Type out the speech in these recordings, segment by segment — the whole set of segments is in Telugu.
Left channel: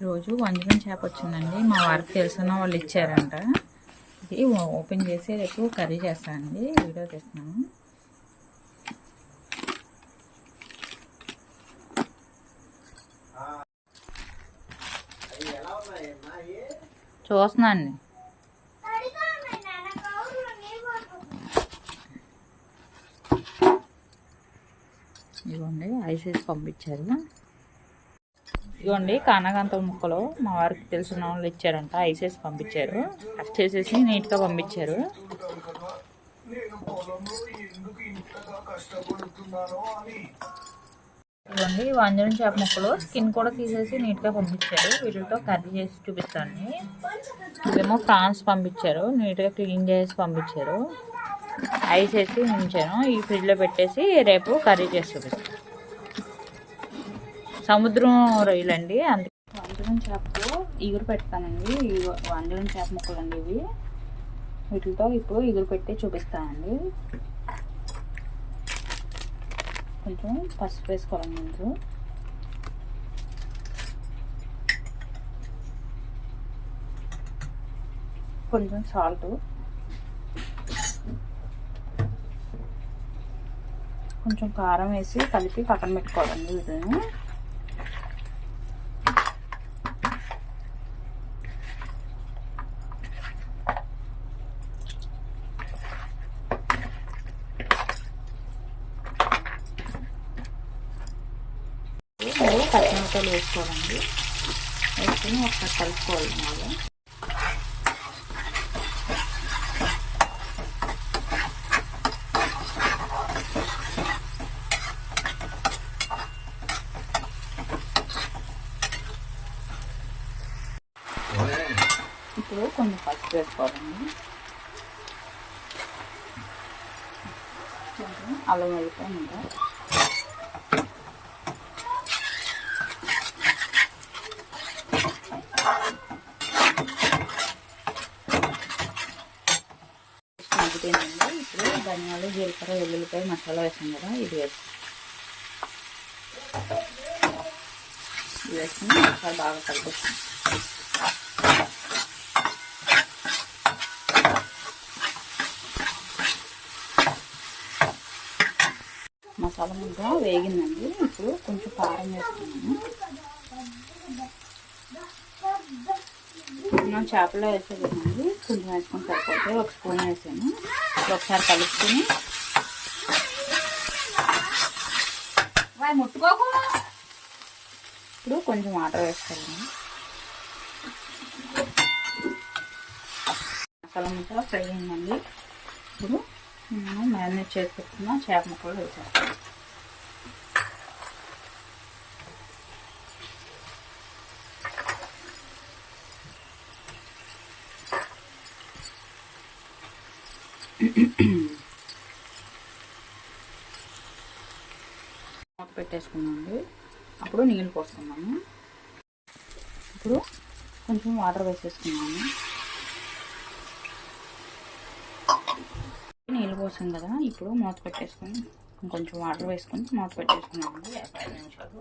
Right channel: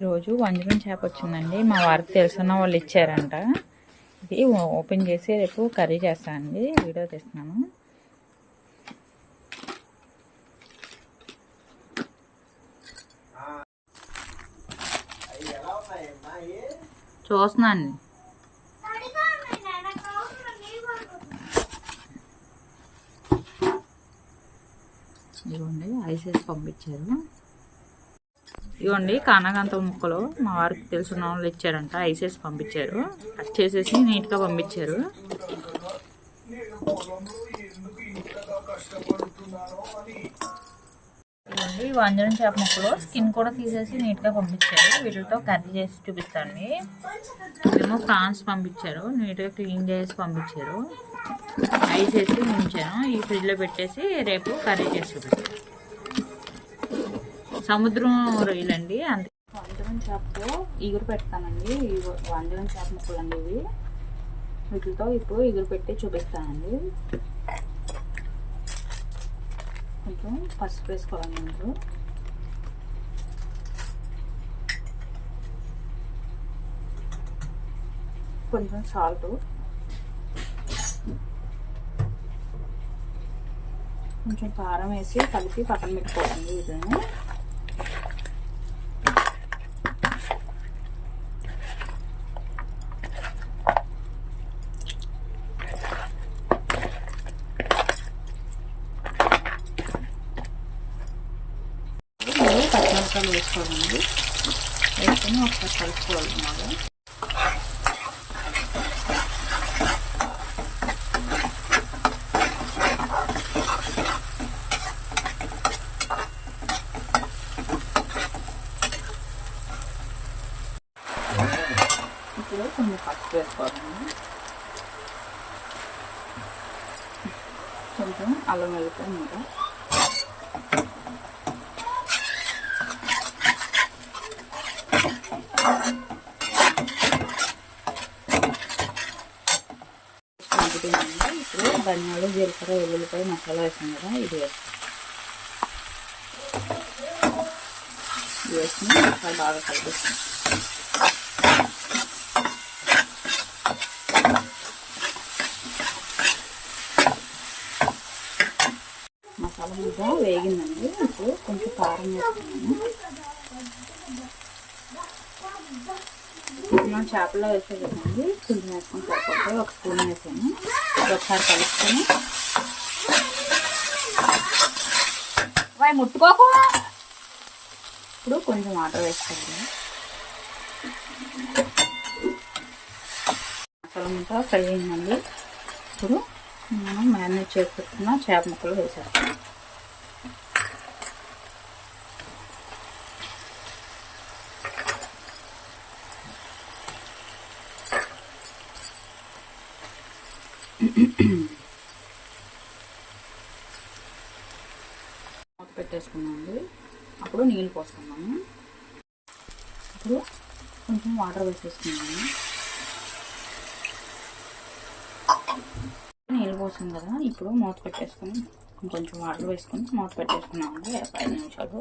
ఈరోజు వంజరం చేప వచ్చిందండి. మా వారికి తెలిసిన వాళ్ళు ఇచ్చారంట. ఇది ఓపెన్ చేసి రేపు కర్రీ చేస్తానండి వీడియో తీస్తున్నాను. చూస్తున్నాను ఇదిగోండి ఐసీస్ పంపించారు. ఇదిగోండి కానగంత ముక్కలు మా వారికి తెలిసిన వాళ్ళు ఇచ్చారంట. ఐసేసి పంపించారు. కట్ చేసేసి నీట్గా పంపించారు. ఇదిగోండి వంజరం చేప ముక్కలు స్కిన్ కూడా తీసేసి నీట్గా పంపించారు. వీటితో కర్రీ చేసి చూపిస్తాండి. ఇదేమో ఫ్రాన్స్ పంపించారు. నీట్గా క్లీన్ చేసి పంపించారు. ఐస్ వేసి ఈ ఫ్రిడ్జ్లో పెట్టేసి రేపు కర్రీ చేసి చూపిస్తాను సముద్రం రొయ్యలండి అందుకే వంజరం చేపతో ఇగురు పెడతానండి. వంజరం చేప ముక్కలు అండి ఇవి. వీటితో ఇప్పుడు ఇగురు పెట్టి చూపిస్తానండి. కొంచెం పసుపు వేసుకోవాలండి ఇందులో కొంచెం సాల్ట్ కొంచెం కారం వేసి కలిపి పక్కన పెట్టుకోవాలండి వీటిని. పచ్చిమిరపకాయలు వేసుకోవాలండి. వేసుకొని ఒకసారి కలుపుకోవాలి బాగా. ఇప్పుడు కొంచెం పసుపు వేసుకోవాలండి. కొంచెం అల్లం వెల్లిపాయ ఇంకా మగ్గిపోయిందండి ఇప్పుడు ధనియాలు జీలకర్ర వెల్లుల్లిపాయ మసాలా వేసాం కదా ఇది వేస్తాం. ఇది వేసుకుని మసాలా బాగా కలిపిస్తాం మసాలా ముద్ద వేగిందండి. ఇప్పుడు కొంచెం కారం వేసుకున్నాము మనం చేపలో వేసేదండి కొంచెం వేసుకుని సరిపోతే ఒక స్పూన్ వేసాను. ఒకసారి కలుపుకొని. వాయి ముట్టుకోకు. ఇప్పుడు కొంచెం వాటర్ వేసుకోండి మసాలా ముద్ద ఫ్రై అయిందండి. ఇప్పుడు మనం మ్యారినేట్ చేసి పెట్టుకున్న చేప ముక్కలు వేసేస్తాం మూత పెట్టేసుకున్నామండి. అప్పుడు నీళ్ళు పోసుకున్నాము. ఇప్పుడు కొంచెం వాటర్ వేసేసుకున్నాము. నీళ్ళు పోసాం కదా ఇప్పుడు మూత పెట్టేసుకుని కొంచెం వాటర్ వేసుకుని మూత పెట్టేసుకున్నామండి పది నిమిషాలు.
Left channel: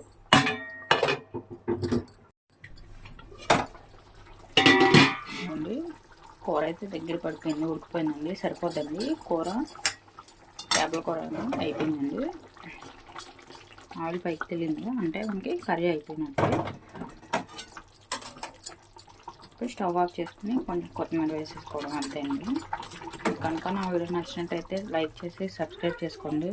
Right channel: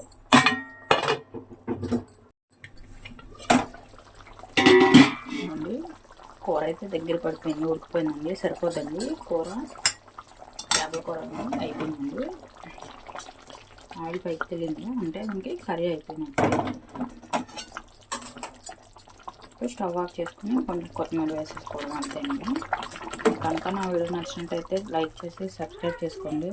కూర అయితే దగ్గర పడిపోయింది ఉడికిపోయిందండి సరిపోద్దండి. కూర చేపల కూర అయిపోయిందండి. ఆయిల్ పైకి తెలియదు అంటే మనకి కర్రీ అయిపోయినట్టు. ఇప్పుడు స్టవ్ ఆఫ్ చేసుకుని కొంచెం కొత్తిమీర వేసేసుకోవడం అంతే అండి కనుక నా వీడియో నచ్చినట్టయితే లైక్ చేసి సబ్స్క్రైబ్ చేసుకోండి.